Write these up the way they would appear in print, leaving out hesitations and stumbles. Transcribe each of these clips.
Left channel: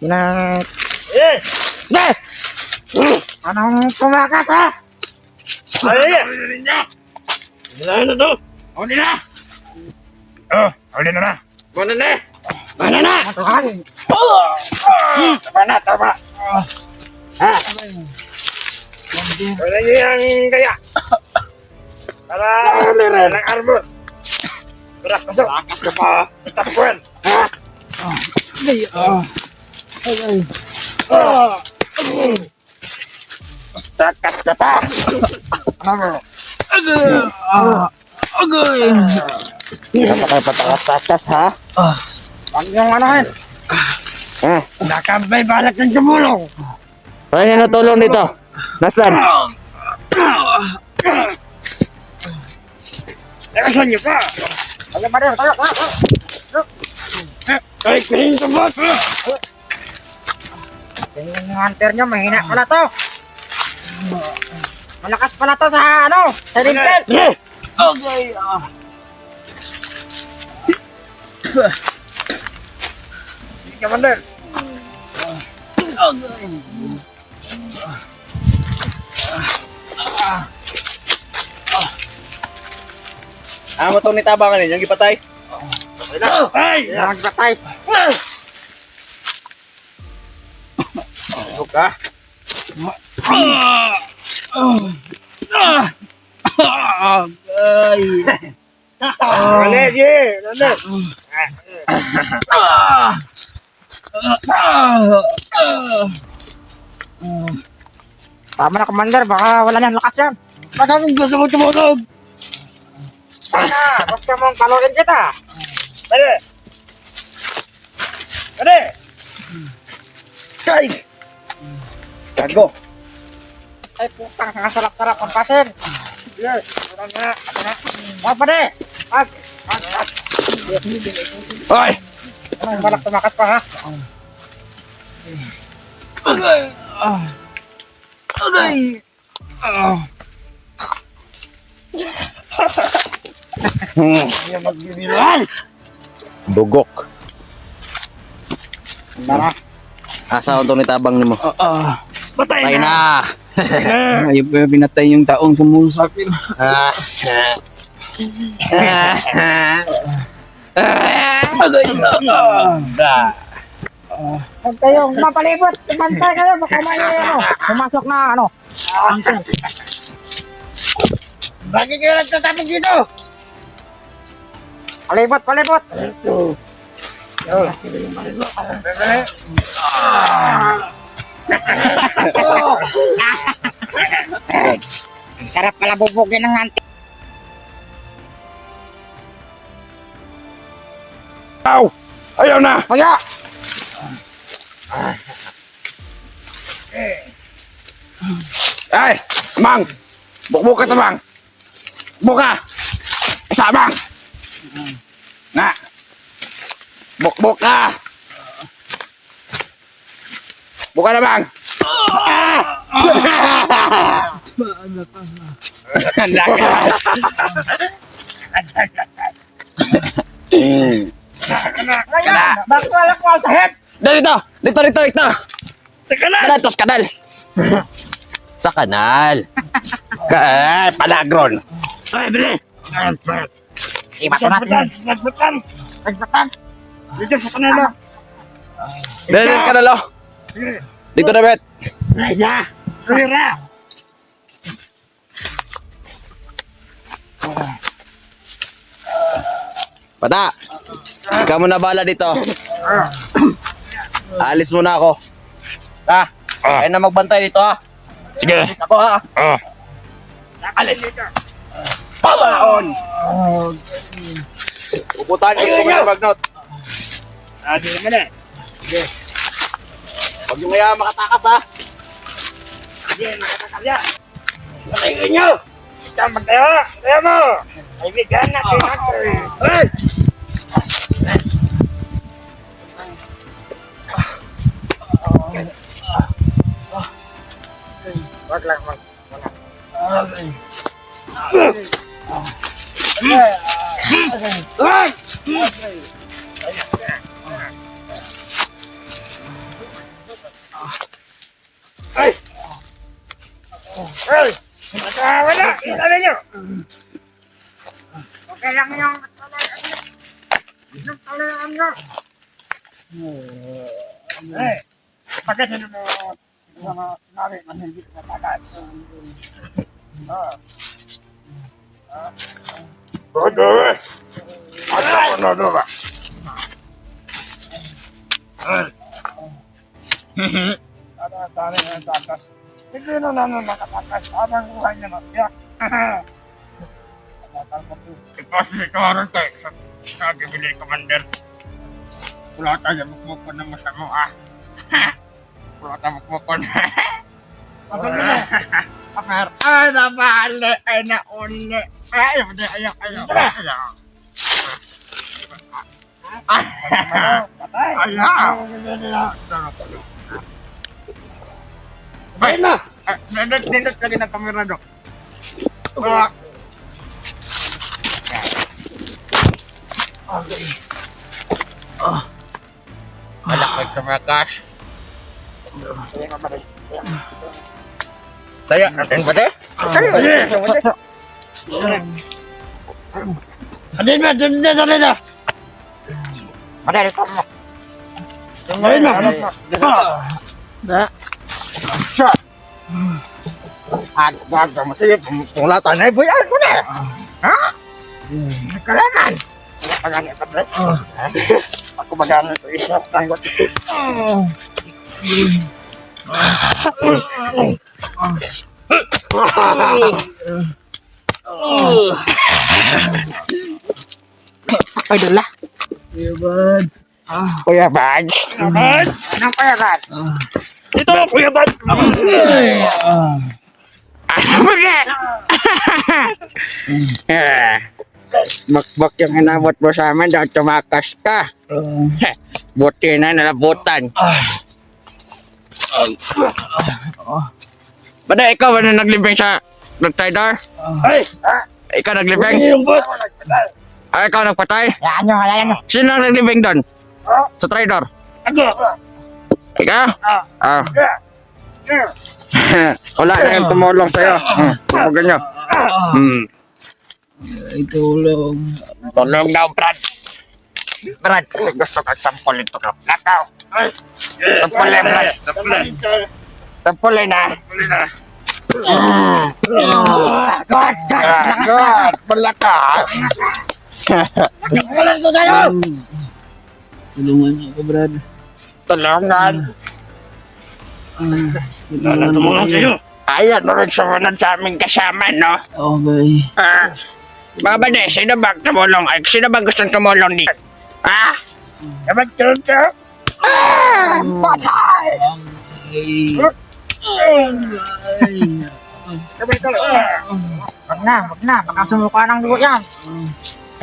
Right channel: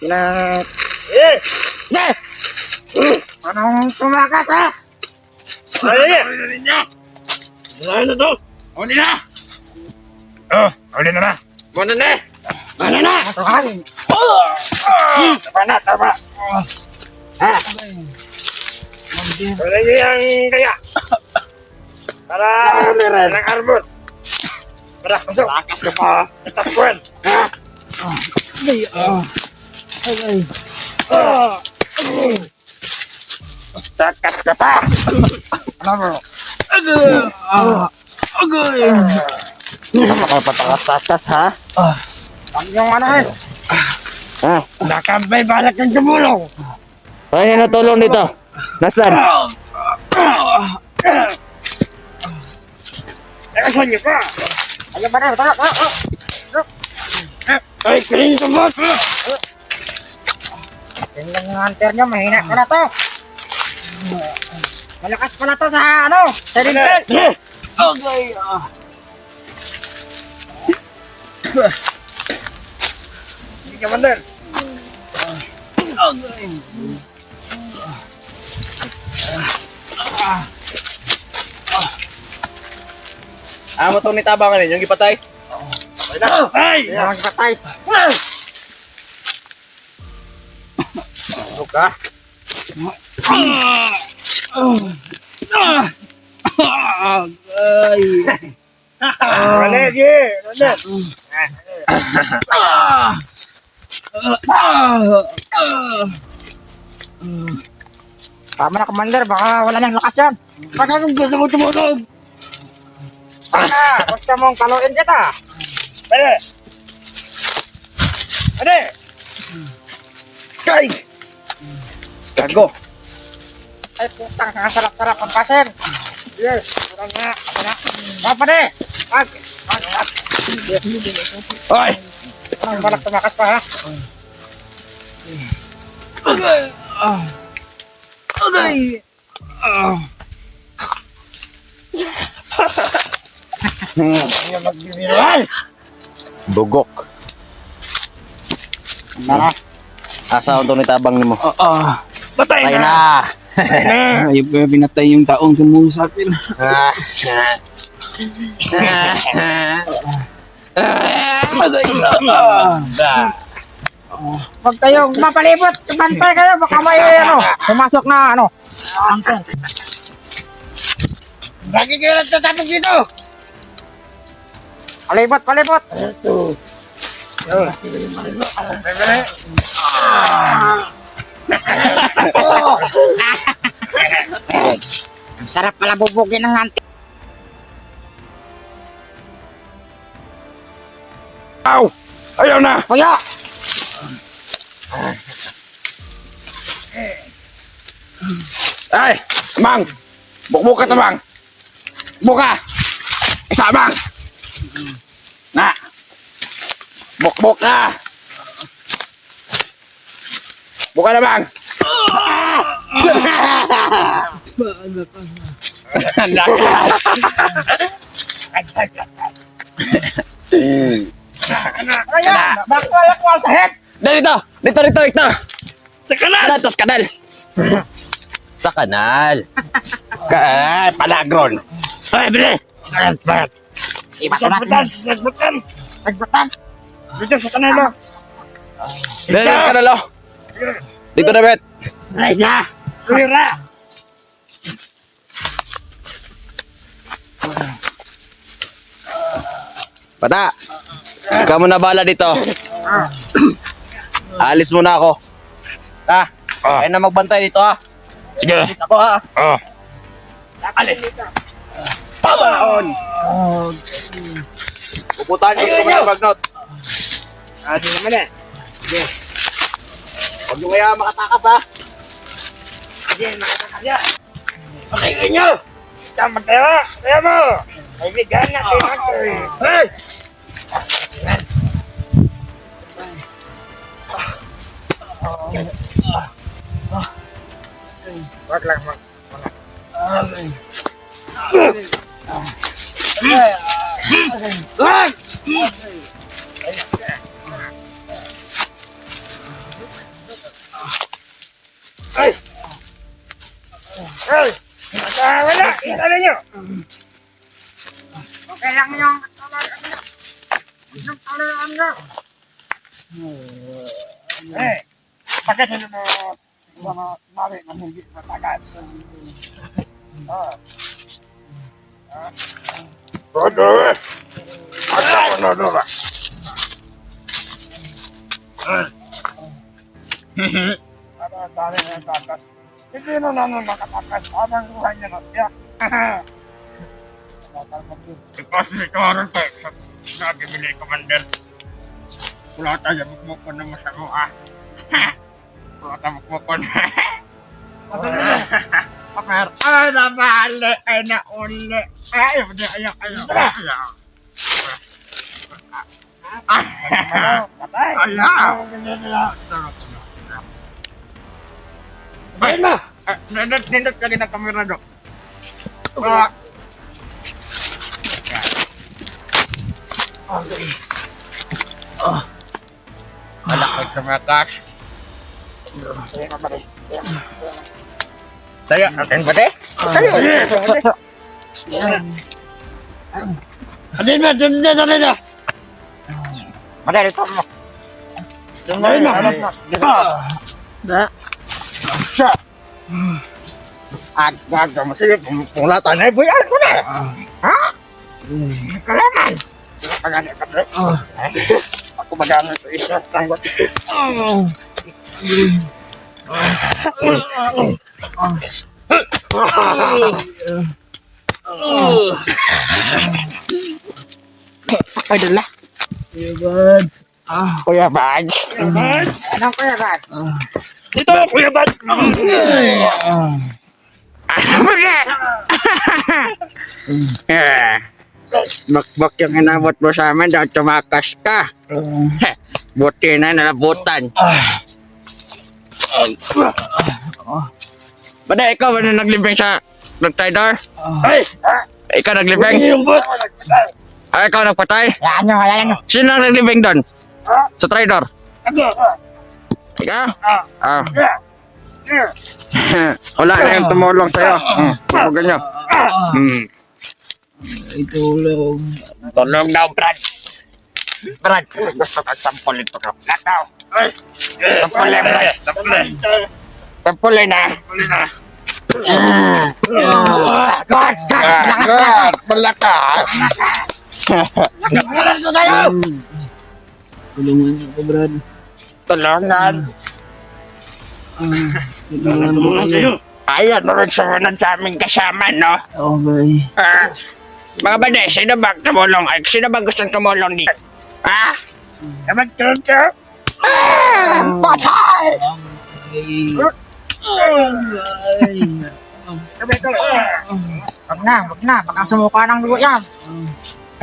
Pinag... Eh! Ne! Anong tumakas ha? Ay! Dinahin na to! Huli na! Huli na na! Muna na! Ano na? Matuhalin. Tama na, tama! Ha? Wala niyo yung kaya! Para... ng arbor! Para pasok! Lakas ka pa. Takbuhan! Takas ka pa. Ano mo? Ano kayo patakas-takas ha? Ang yung anahin! Ha? Nakambay balak ng tumulong! Ay, natulong dito. Nasaan? Nakasan niyo pa! Ano ba rin? Tayo, tayo. Ay, kaling tumot! Tingnan yung hunter nyo, mahina pala to. Malakas pala to sa ano, sa rintel. Eh! Okay. Hindi ka mandar! Amo to ni tabangan yung gipatay. Ay! Ang patay. Ano ka? Wala, Ji! Wala! Tama na, Commander, baka wala nang lakas yan. Baka kung gusto mo tumulog! Basta mong kaluin kita. Pwede! Pwede! Kay! Gago. Ay putang, ang sarap-sarap ang pasin. Yes! Wala nga! Ako na. Mga pare. Pag. Ay! Anong balak tumakas pa ha? Okay. Okay. Hindi magbibiruan! Bugok. Ano? Asa ang to ni tabang nimo? Patay Patay na! na. Ayaw pa pinatay yung taong sumusapin. Huwag kayong mapalibot. Bantay kayo. Baka may ano. Pumasok na ano. Bakit kayo nagtatapos dito? Palibot, palibot. Bebe! Ang sarap pala bubugin ng anti. Aw! Ayaw na! Kuya! Ay! Mang! Bukbuk ka to, Mang! Buka! Isa, Mang! Na! Bukbuk ka! Buka na, Mang! Handa ka! Kaya! Bakit wala kuwal sa head? Dito! Dito! Sa kanan! Kanal, tos kanal! Sa kanal! Palagron! Ay, bili! Iba ko natin. Sagbutan! Sagbutan! Sagbatan. Dito sa kanalo! Dito sa kanal, oh! Dito na, Bet! Ay na! Tulira! Bata! Ikaw mo na bala dito. Alis muna ako. Kaya na magbantay dito, ha? Sige! Alis ako, ha? Oh! Alis! Pamaon! Pupuntahan ko kung may magnot. Di naman eh! Huwag nyo kaya makatakas, ha? Sige, makatakalya! Pakinggan nyo! Ikaw magtayo! Tayo mo! Kaibigan natin natin! Hey! Wag lang mag... Ay! Ay! Wala! Ano nyo? Kaya mo yung... Eh! Bakit hindi mo... Sinabi na hindi matagal? Bodo! Ano ko na doon? Ano ang dami na takas? Hindi na naman makatakas habang buhay niya na siya. Because ni Karan tayo sa bibili commander. Wala tayo mukmukon na masamo Wala tayo mukmukon. Amer, ay nabali, ay nauli. Ay, hindi, ayaw. Patay. Ayaw. Baik na! Nindot lagi ng kamera, Dok. Okay. Wala ka tumakas. Saya, ating ba de? Adin na. Madali ka mo. Da. Agad mo sige, pumulatan na ibuyan ko na. Ha? Kalaman. Pagani ka bro. Ako magagamit ito isa. Tanggot ito. Ay, dala. Kuya Buds. Kuya Buds. Anong Kuya Buds? Ito, Kuya Buds. Bakbak yung inabot mo sa amin daw tumakas ka. Buti na nalabutan. Bada, ikaw ano naglibing sa nag-trader? Ikaw naglibing? Ay, ikaw nagpatay? Ano? Sino ang naglibing doon? Sa trader? Ikaw? Wala na yung tumulong sa'yo. Huwag nyo. Ay, tulong. Tulong daw, Brad. Brad, kasi gusto ka sampulin ito. Nakaw. Sampulin, Brad. Sampulin na. God, malaka. Tulungan niyo ako, Brad. Tulungan. Tulungan mo kayo. Ayan, rin sumunod sa aming kasama, no? Okay. Mga bade, sino ba tumulong? Ay, sino ba gustong tumulong dito? Naman tulong? Patay! Wag na. Baka sumuka ng dugo yan.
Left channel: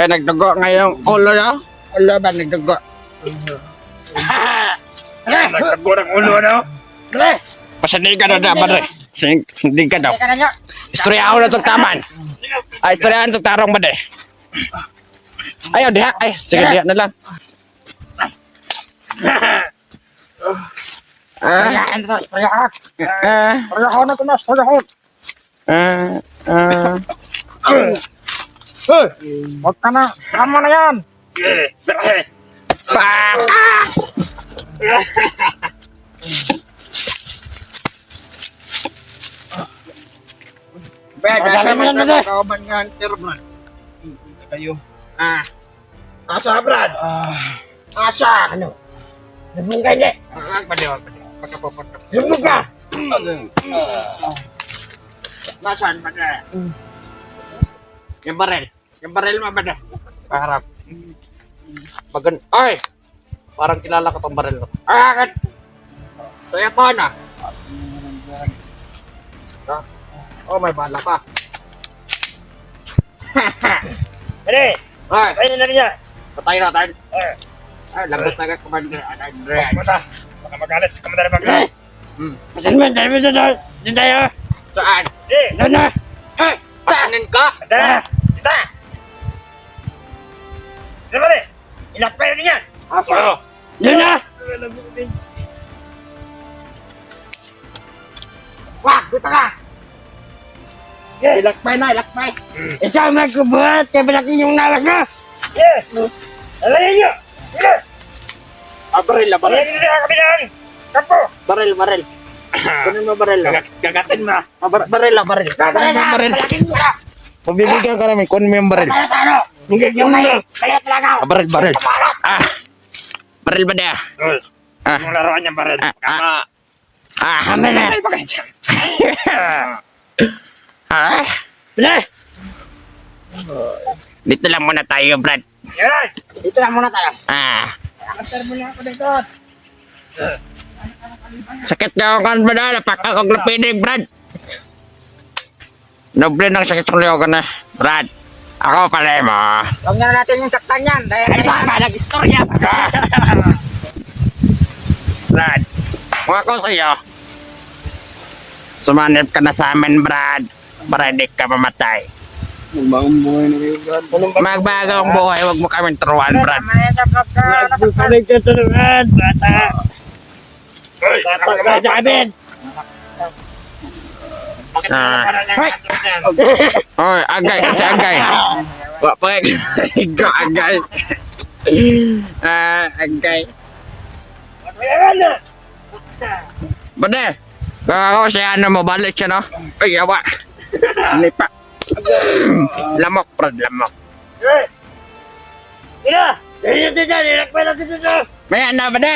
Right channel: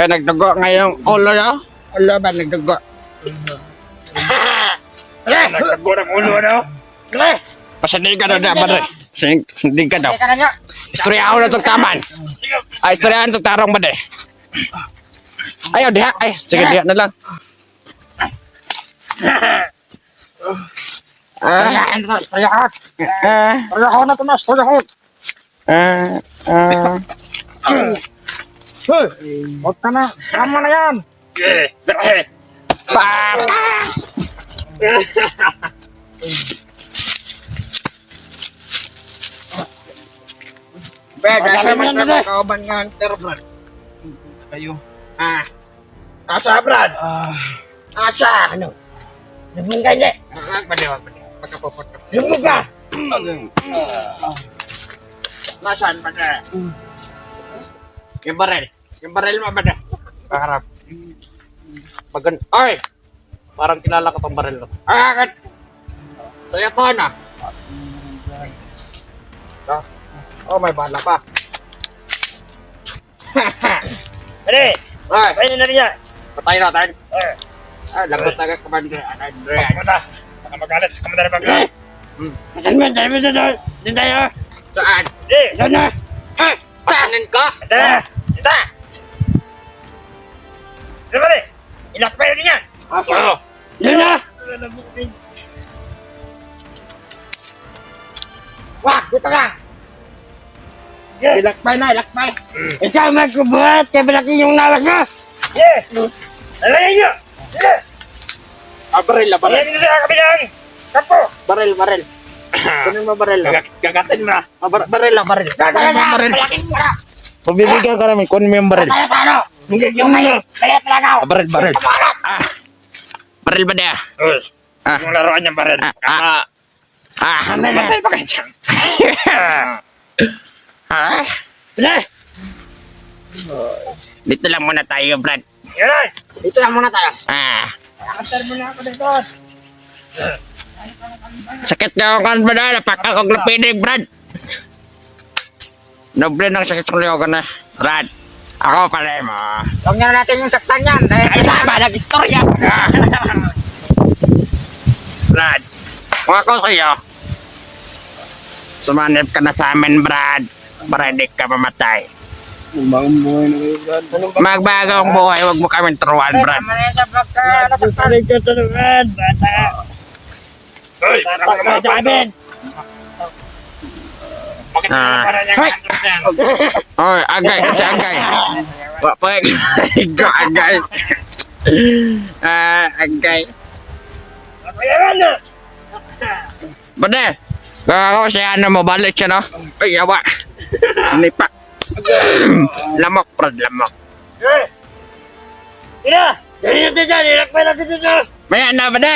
Eh, nagdugo ngayong ulo na? Ulo ba nagdugo? Nagdugo ng ulo, no? Pasandig ka na na, bade. Pasandig ka daw. Istorya ako na itong taman. Ay, istoryahan itong tarong, bade. Ayaw, diha. Ay, sige, diha na lang. Wag ka na. Tama na yan. Asa man ka mga kauban nga hunter, Brad? Kayo. Asa, Brad? Asa? Ano? Nabung ka niya. Wag pa magkapupunta. Nabung ka. Nasaan ba na? Yung baril. Yung baril mo ba na? Paharap. Bagan. Ay! Parang kilala ko tong baril. Akit! Sa'yo to na. Oh, may bala pa. Ano? Ay! Ayun na niya. Patay natin. Lagot na ka, Commander. Andre. Baka magalit sa Commander Bagay. Saan mo? Dahil mo doon. Doon tayo. Saan? Doon na. Patanin ka? Ata! Ita! Ano ba rin? Inak pa yun niya. Asa? Doon na. Wah, dito na. Ilakbay na, ilakbay. Ikaw magkubuhat, kaya bilaki yung nalas mo. Alay niyo. Baril, baril. Kabilang. Tapo. Baril, baril. Kunin mo baril. Gagatin mo. Baril, baril. Kunin mo baril. Pabibigyan ka namin, kunin mo yung baril. Kaya sa ano? Yung nayo. Kaya talaga. Baril, baril. Baril ba niya? Yung laruan niya baril. Ano na? Bili. Dito lang muna tayo, Brad. Yan. Dito lang muna tayo. Antar mo na ako dito. Sakit nga ako kan, Brad. Napakakog na pinig, Brad. Noble ng sakit ng liyogan na, Brad. Ako pala mo. Huwag niya natin yung saktan yan. Ay, sama, nag-istorya ka. Brad, kung ako sa'yo, sumanip ka na sa amin, Brad, para hindi ka mamatay. Magbagong buhay na kayo, Brad. Magbagong buhay, huwag mo kami turuan, Brad. Nakasalig ka sa naman, bata. Uy, bata ka sa amin. Oy, agay, kasi agay. Wapag, higo, agay. Agay. Bade, ako siya ano mo, balik siya, no? Ay, yawa. Lipa. Lamok, Brad, lamok. Maya na, Bade.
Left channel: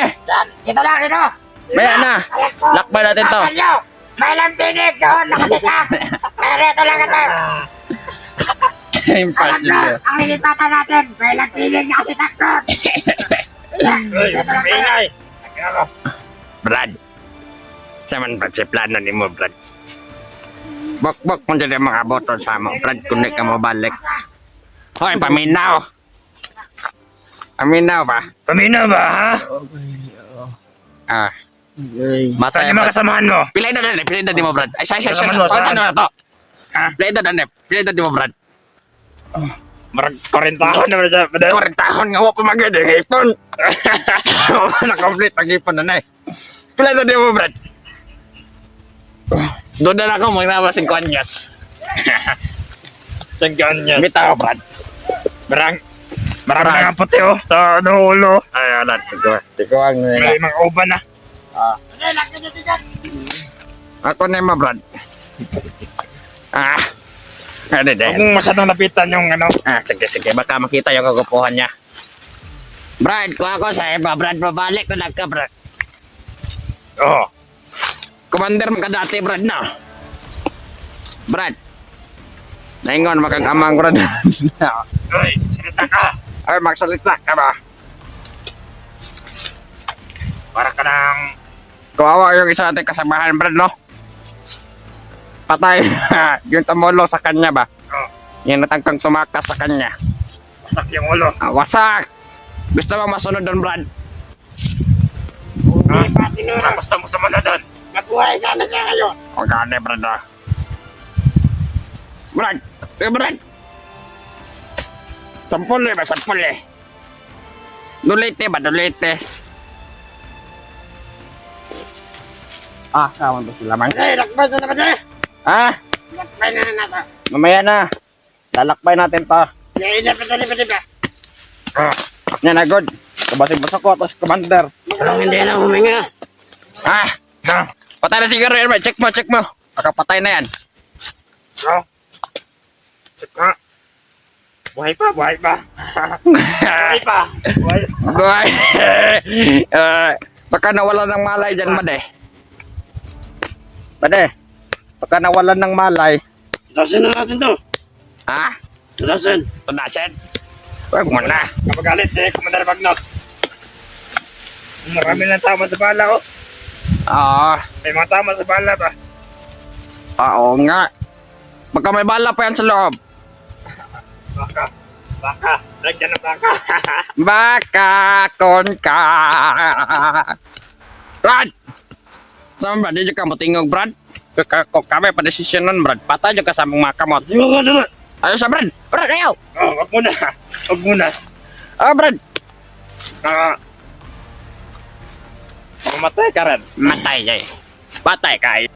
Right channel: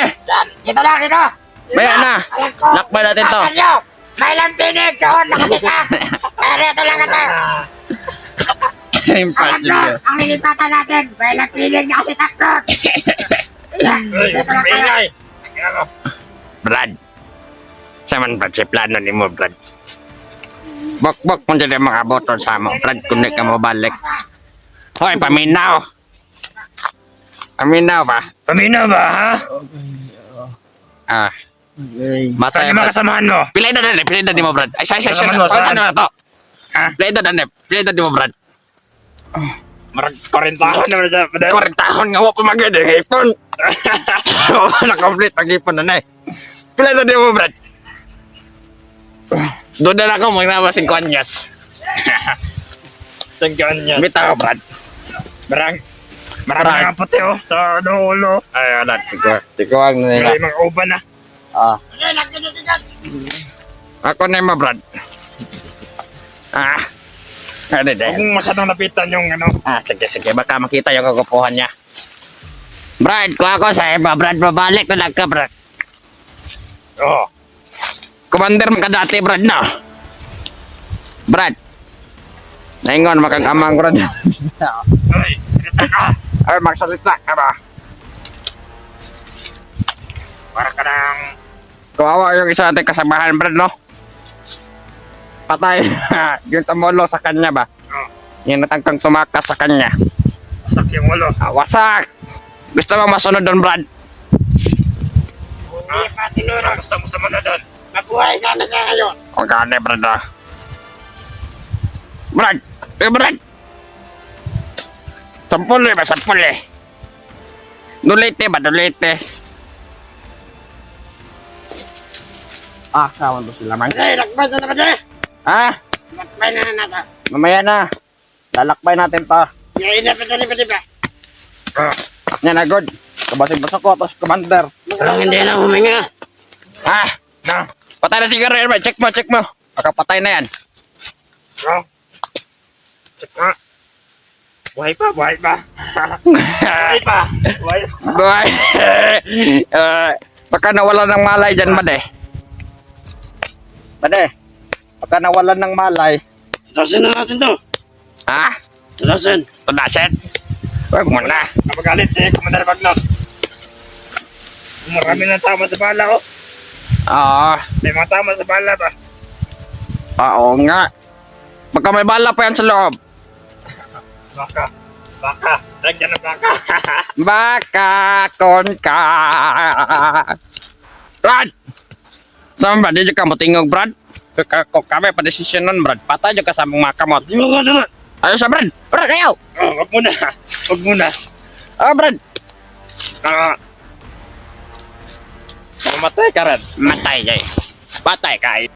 Dito na, dito. Maya na. Lakbay natin to. May lang pinig doon, nakasita. Pero ito lang ito. Impossible. Ang lilipatan natin, may lang pinig, nakasita doon. Dito lang tayo. Brad. Saman ba si plano ni mo, Brad? Bok mo dyan yung mga boton sa mo, Brad, kung di ka mo balik. Hoy, paminaw. Paminaw ba? Pamino ba, ha? Masaya Saan yung mga ba? kasamahan mo? Pilay na mo, Brad. Ay, say. Saan mo, saan? Ano na to? Pilay na mo, Brad. Marag 40 ako naman sa padal. 40 tahon nga wako maganda ng ipon. Na-complete ang ipon na eh. Pilay na mo, Brad. Doon na ako, mga 5 anyos. Tagyan niya. Bitaw, Brad. Marang Brad. mga puti oh, sa ulo. Ay, wala. Tikuwag na nila. May mga uban na. Ako na mo, Brad. Ano Huwag din? mong masyadong napitan yung ano. Sige. Baka makita yung kagupuhan niya. Brad, kung ako sa iba, Brad, babalik ko lang ka, Brad. Oo. Commander man ka dati, Brad, na. Brad. Naingon, makagamang, Brad. Uy, salita ka. Ay, magsalita ka ba? Para ka ng... Kawawa yung isa natin kasamahan, Brad, no? Patay. Yung tumulong sa kanya ba? Oh, Yung natangkang tumakas sa kanya. wasak yung ulo. Wasak! Gusto mo masunod doon, Brad? Hindi pa tinura. Basta mo sa manadon. Mabuhay ka na ngayon. Huwag ka na, Brad, ah. Brad! Brad! Sampul ba? Sampul eh. Dulite ba? Dulite. Kawan ba sila, man? Lakbay na naman eh. Lakbay na natin. Mamaya na. Lalakbay natin to. Ngayon na pa. Yan na, good. Kabasig-basok ko, tapos commander. Parang hindi na huminga. Patay na siguro yan, check mo. Makapatay na yan. Saka. Buhay pa. Buhay. Baka nawalan ng malay dyan, Bade. Baka nawalan ng malay. Tunasan na natin to. Tunasan. Tunasin. Huwag mo na. Kapagalit eh, Commander Bagnot. Marami ng tama sa bala oh. May mga tama sa bala pa. Oo nga. Baka may bala pa yan sa loob. Baka. Lagyan ng baka. Baka kon ka. Brad! Saan ba? Di ka mo tingog, Brad? Kung kami pa desisyon nun, Brad. Patay ka sa mga kamot. Di ba ka naman? Ayos sa Brad. Brad, ayaw. Wag muna. Brad. Mamatay ka rin. Matay, Patay ka.